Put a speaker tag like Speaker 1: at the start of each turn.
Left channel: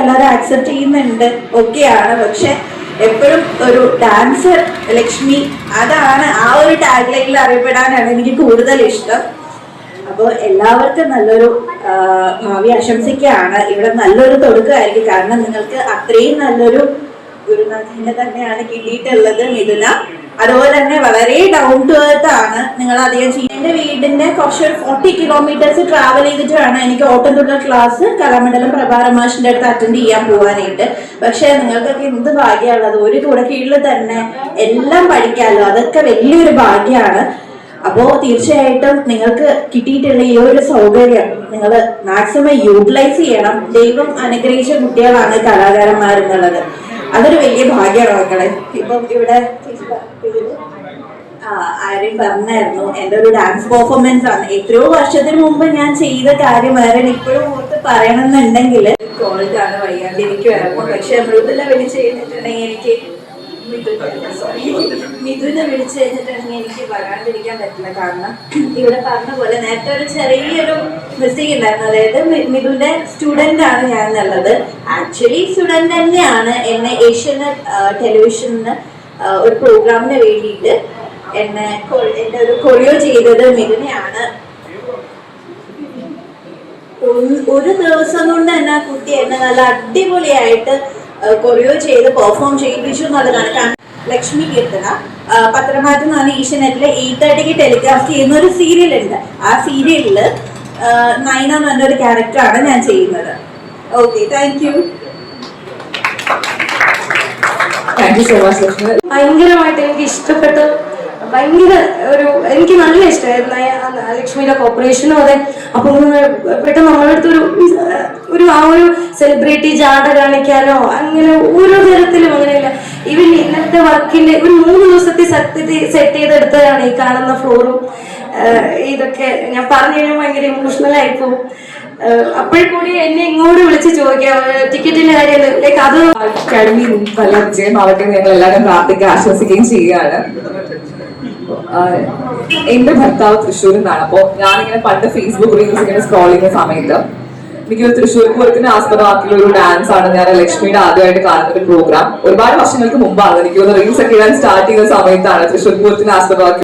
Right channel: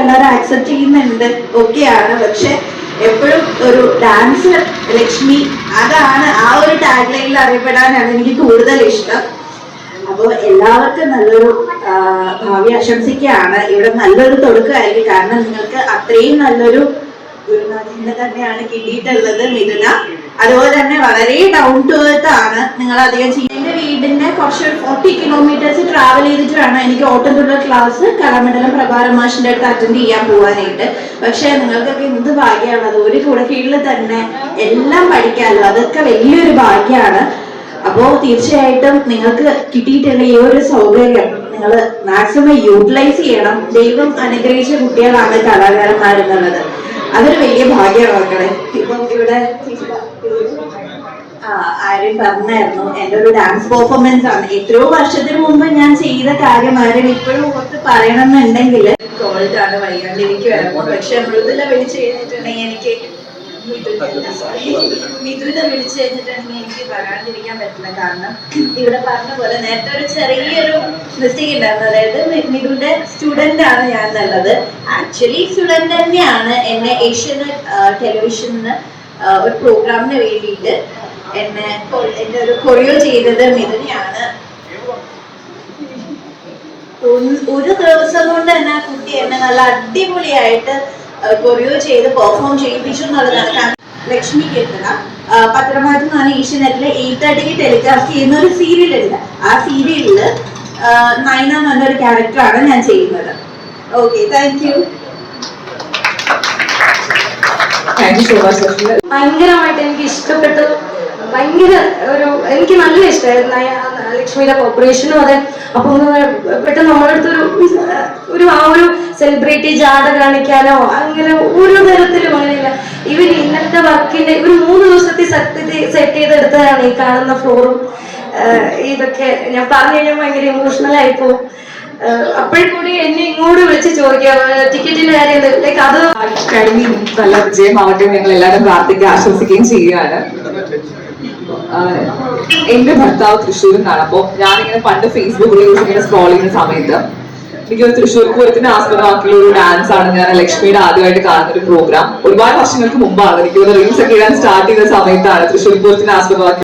Speaker 1: എല്ലാവരും ആക്സെപ്റ്റ് ചെയ്യുന്നുണ്ട്. ആണ്. പക്ഷെ എപ്പോഴും ഒരു ഡാൻസർ ലക്ഷ്മി അതാണ് ആ ഒരു ടാഗ് ലൈനിൽ അറിയപ്പെടാനാണ് എനിക്ക് കൂടുതൽ ഇഷ്ടം. അപ്പോൾ എല്ലാവർക്കും നല്ലൊരു ഭാവി ആശംസിക്കുകയാണ്. ഇവിടെ നല്ലൊരു തുടക്കമായിരിക്കും. കാരണം നിങ്ങൾക്ക് അത്രയും നല്ലൊരു ഗുരുനാഥിനെ തന്നെയാണ് കിട്ടിയിട്ടുള്ളത് മിഥുന. അതുപോലെ തന്നെ വളരെ ഡൗൺ ടു എർത്ത് ആണ് നിങ്ങൾ അധികം ചെയ്യുന്നത് എന്റെ വീടിന്റെ കുറച്ച് ഫോർട്ടി കിലോമീറ്റേഴ്സ് ട്രാവൽ ചെയ്തിട്ട് വേണം എനിക്ക് ഓട്ടംതുള്ളൽ ക്ലാസ് കലാമണ്ഡലം പ്രഭാരമാഷിന്റെ അടുത്ത് അറ്റൻഡ് ചെയ്യാൻ പോവാനായിട്ട്. പക്ഷെ നിങ്ങൾക്കൊക്കെ എന്ത് ഭാഗ്യമുള്ളത് ഒരു കൂടെ കീഴിൽ തന്നെ എല്ലാം പഠിക്കാമല്ലോ. അതൊക്കെ വലിയൊരു ഭാഗ്യമാണ്. അപ്പോൾ തീർച്ചയായിട്ടും നിങ്ങൾക്ക് കിട്ടിയിട്ടുള്ള ഈ ഒരു സൗകര്യം നിങ്ങൾ മാക്സിമം യൂട്ടിലൈസ് ചെയ്യണം. ദൈവം അനുഗ്രഹിച്ച കുട്ടികളാണ് കലാകാരന്മാരെന്നുള്ളത് അതൊരു വലിയ ഭാഗ്യമാണ് മക്കളെ. ഇപ്പം ഇവിടെ ആരും പറഞ്ഞായിരുന്നു എന്റെ ഒരു ഡാൻസ് പെർഫോമൻസ് ആണ്. എത്രയോ വർഷത്തിന് മുമ്പ് ഞാൻ ചെയ്ത കാര്യമായിരുന്നു ഇപ്പോഴും ഓർത്ത് പറയണമെന്നുണ്ടെങ്കിൽ കോളേജാണ് വൈകാണ്ടിരിക്കുമായിരുന്നു പക്ഷെ മൃദുല വിളിച്ചു കഴിഞ്ഞിട്ടുണ്ടെങ്കിൽ എനിക്ക് മിഥുന വിളിച്ചു കഴിഞ്ഞിട്ടുണ്ടെങ്കിൽ എനിക്ക് പറയാണ്ടിരിക്കാൻ പറ്റില്ല. കാരണം ഇവിടെ പറഞ്ഞ പോലെ നേരത്തെ ഒരു ചെറിയൊരു മിസ്റ്റേക്ക് ഉണ്ടായിരുന്നു. അതായത് മിഥുന്റെ സ്റ്റുഡന്റ് ആണ് ഞാൻ എന്നുള്ളത്. ആക്ച്വലി സ്റ്റുഡന്റ് തന്നെയാണ് എന്നെ ഏഷ്യനെറ്റ് ടെലിവിഷനിൽ ഒരു പ്രോഗ്രാമിന് വേണ്ടിയിട്ട് എന്നെ എന്റെ ഒരു കൊറിയോ ചെയ്തത് മിഥുനെയാണ്. ഒരു- ദിവസം കൊണ്ട് തന്നെ കുട്ടി എന്നെ നല്ല അടിപൊളിയായിട്ട് കൊറിയോ ചെയ്ത് പെർഫോം ചെയ്യിപ്പിച്ചു എന്നുള്ളതാണ്. ലക്ഷ്മി കീർത്തന പത്രമാധ്യമമാണ് ഈഷ്യനെറ്റിലെ ഈ ഏഷ്യനെറ്റിലെ എയ്റ്റ് തേർട്ടിക്ക് ടെലികാസ്റ്റ് ചെയ്യുന്ന ഒരു സീരിയൽ ഉണ്ട്. ആ സീരിയലിൽ നൈന എന്ന് പറഞ്ഞൊരു ക്യാരക്ടറാണ് ഞാൻ ചെയ്യുന്നത്. ഓക്കെ താങ്ക് യു
Speaker 2: ഭയങ്കരമായിട്ട് എനിക്ക് ഇഷ്ടപ്പെട്ട ഭയങ്കര ഒരു എനിക്ക് നല്ല ഇഷ്ടമായിരുന്നു ലക്ഷ്മിയുടെ കോപ്പറേഷനും അതെ. അപ്പം പെട്ടെന്ന് നമ്മുടെ അടുത്തൊരു ഒരു ആ ഒരു സെലിബ്രിറ്റി ജാഥ കാണിക്കാനോ അങ്ങനെ ഓരോ തരത്തിലും അങ്ങനെയില്ല. ഇവൻ ഇന്നത്തെ വർക്കിന്റെ ഒരു മൂന്ന് ദിവസത്തെ സത്യത്തിൽ സെറ്റ് ചെയ്തെടുത്തതാണ് ഈ കാണുന്ന ഫ്ലോറും ഇതൊക്കെ. ഞാൻ പറഞ്ഞു കഴിഞ്ഞാൽ ഭയങ്കര ഇമോഷണൽ ആയിപ്പോ അപ്പോഴും കൂടി എന്നെ ഇങ്ങോട്ട് വിളിച്ച് ചോദിക്കാം ടിക്കറ്റിന്റെ കാര്യം അത്
Speaker 3: അക്കാഡമി നല്ല വിജയം ആവട്ടെ ഞങ്ങൾ എല്ലാവരും പ്രാർത്ഥിക്കുകയും ആശ്വസിക്കുകയും ചെയ്യുകയാണ്. എന്റെ ഭർത്താവ് തൃശ്ശൂരിൽ നിന്നാണ് അപ്പോ ഞാനിങ്ങനെ പണ്ട് ഫേസ്ബുക്ക് റീൽസ് ഇങ്ങനെ സ്ക്രോൾ ചെയ്യുന്ന സമയത്ത് എനിക്ക് തൃശ്ശൂർ പൂരത്തിന് ആസ്പദമാക്കിയുള്ള ഒരു ഡാൻസ് ആണ് ഞാൻ ലക്ഷ്മിയുടെ ആദ്യമായിട്ട് കാണുന്ന ഒരു പ്രോഗ്രാം ഒരുപാട് വർഷങ്ങൾക്ക് മുമ്പാണ്. എനിക്ക് റീൽസ് ഒക്കെ ഇടാൻ സ്റ്റാർട്ട് ചെയ്ത സമയത്താണ് തൃശ്ശൂർ പൂരത്തിന് ആസ്പദമാക്കി